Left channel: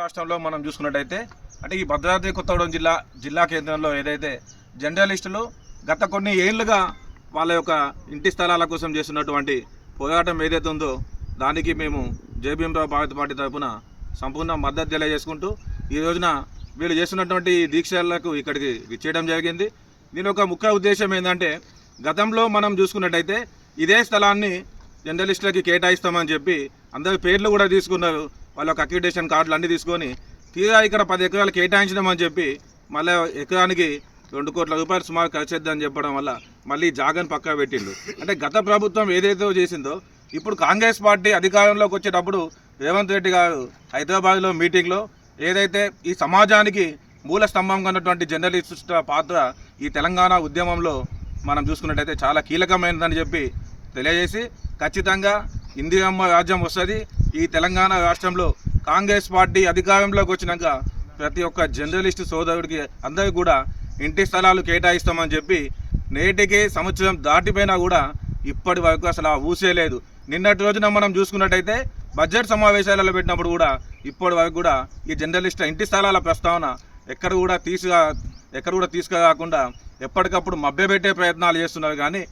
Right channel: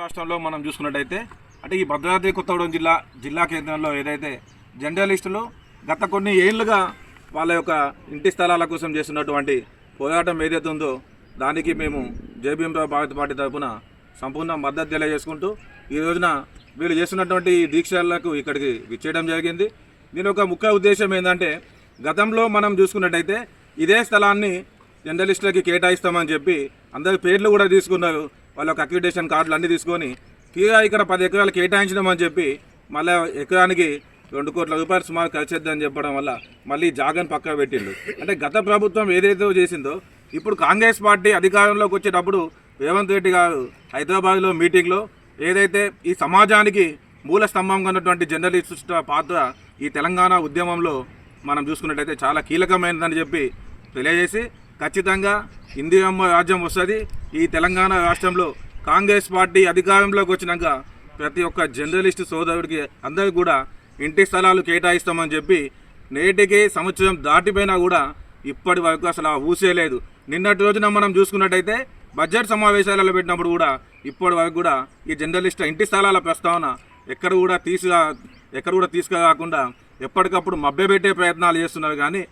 రాష్ట్రంలో మనం చూసుకున్నట్టయితే అంటే ఈ భద్రాద్రి కొత్తగూడెం జిల్లా కేంద్రంలో ఏదైతే జర్నలిస్టులు గత కొన్ని ఏళ్లుగా వాళ్ళ యొక్క ఇంటి స్థలాల కోసం చేస్తున్నటువంటి పోరాటం ఏదైతే ఉందో దానికి మేము జై భీమరావు భారత పార్టీ తరఫున సంపూర్ణ మద్దతు తెలియజేసుకుంటూ ఈ రోజున వీళ్ళు చేస్తున్నటువంటి దీక్షలకు ఇక్కడికి విచ్చేయడం జరిగింది. దీని ఒక ముఖ్య ఉద్దేశం ఏంటంటే గతంలో మనం చూసుకున్నట్టయితే ఇదే స్థలాన్ని జర్నలిస్టులకి కేటాయిస్తామని చెప్పి అందరి పేర్లు కూడా తీసుకున్నారు. వాళ్ళ యొక్క అక్రిడేషన్ కార్డులు అన్నీ తీసుకొని తీరా ఇక్కడ 10 ఎకరాలు కేటాయించడమని చెప్పి మళ్ళీ ఎకరానికి 2 కోట్ల రూపాయలు సుమారు ఖర్చు చేద్దామని చెప్పడం వల్ల మళ్ళీ జాగని పక్క పెట్టిండు. అంటే గత ప్రభుత్వం ఏదైతే చేసిందో ఇప్పుడు కాంగ్రెస్ పార్టీ అధికారంలోకి వచ్చేటప్పుడు రేవంత్ రెడ్డి గారు హైదరాబాద్లో మీటింగ్లో ఏదైతే ఈ సమాజానికి మూల స్తంభంగా ఉన్నటువంటి జర్నలిస్టుల పాత్ర ఈ తెలంగాణ ఉద్యమంలో మనం చూసుకున్నట్టయితే చాలా కీలకమైనదని చెప్పి తెలియజేసి ఖచ్చితంగా ఇందిరమ్మ రాజ్యం వస్తుంది. ఈ తెలంగాణ రాష్ట్రంలో కాంగ్రెస్ పార్టీ అధికారంలోకి వచ్చినాక ప్రతి ఒక్క జర్నలిస్టు సోదరుడికి అందరికీ కూడా ఇంటి స్థలాలు కేటాయిస్తామని చెప్పి నేటికి సంవత్సరం దాటిపోయినా కూడా ఇప్పటి వరకు అసలు ఊసే లేదు. నిన్నటి రోజున మనం చూసుకున్నట్టయితే బడ్జెట్ సమావేశాలలో పెట్టినప్పుడు కూడా ఇప్పటి వరకు కూడా ఈ జర్నలిస్టుల ఇంటి స్థలాల ప్రస్తావన ఎక్కడ కూడా తీసుకురాకుండా ఎప్పటికప్పుడు మభ్యపెట్టే ప్రయత్నాలు చేస్తున్నారు. కానీ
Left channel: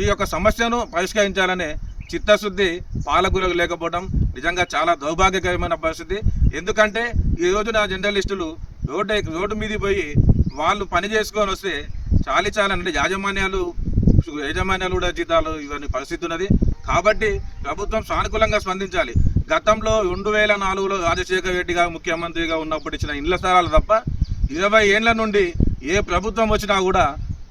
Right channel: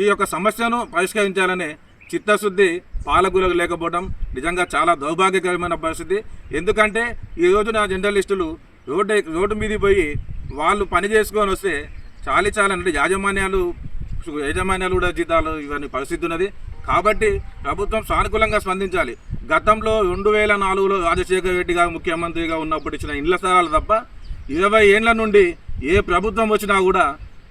ఈ యొక్క సమస్యను పరిష్కరించాలనే చిత్తశుద్ధి పాలకులకు లేకపోవడం నిజంగా చాలా దౌర్భాగ్యకరమైన పరిస్థితి. ఎందుకంటే ఈ రోజున జర్నలిస్టులు రోడ్డు మీదకి పోయి వాళ్ళు పని చేసుకొని వస్తే చాలంటే యాజమాన్యాలు కూడా జీతాలు ఇవన్నీ పరిస్థితి ఉన్నది. కాబట్టి ప్రభుత్వం సానుకూలంగా స్పందించాలి. గతంలో 2004లో రాజశేఖర రెడ్డి గారు ముఖ్యమంత్రిగా ఉన్నప్పుడు ఇచ్చిన ఇండ్ల స్థలాలు తప్ప 20 ఏళ్ల నుండి ఏ ప్రభుత్వం వచ్చినా కూడా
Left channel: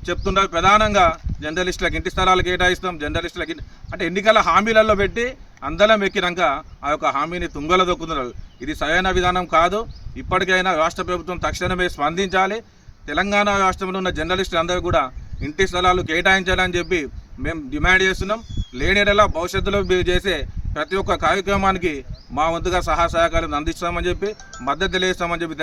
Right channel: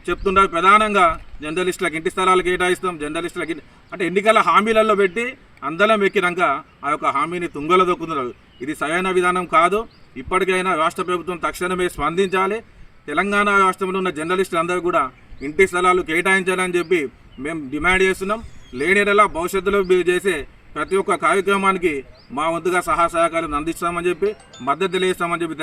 చెప్తున్నారు ప్రధానంగా జర్నలిస్టులకు ఇంటి స్థలాలు కేటాయిస్తాం, జర్నలిస్టులకి అంటే ఎన్నికల హామీలలో పెట్టి అందలం ఎక్కినాక ఆ యొక్క హామీని తుంగలో దొక్కుతున్నారు. ఇది సరైన విధానం కాదు. ఇప్పటికైనా రాష్ట్ర ప్రభుత్వం తక్షణమే స్పందించాలి. తెలంగాణ రాష్ట్రంలో ఉన్న జర్నలిస్టులు అందరూ కూడా ఇంటి స్థలాలు కేటాయించాలని చెప్పి మేము డిమాండ్ చేస్తున్నాం. లేనిలా భవిష్యత్తులో చేసే ప్రతి ఒక్క కార్యక్రమానికి మా వంతుగా సహాయ సహకారం అందిస్తామని చెప్పి మద్దతు తెలియజేస్తామని చెప్పి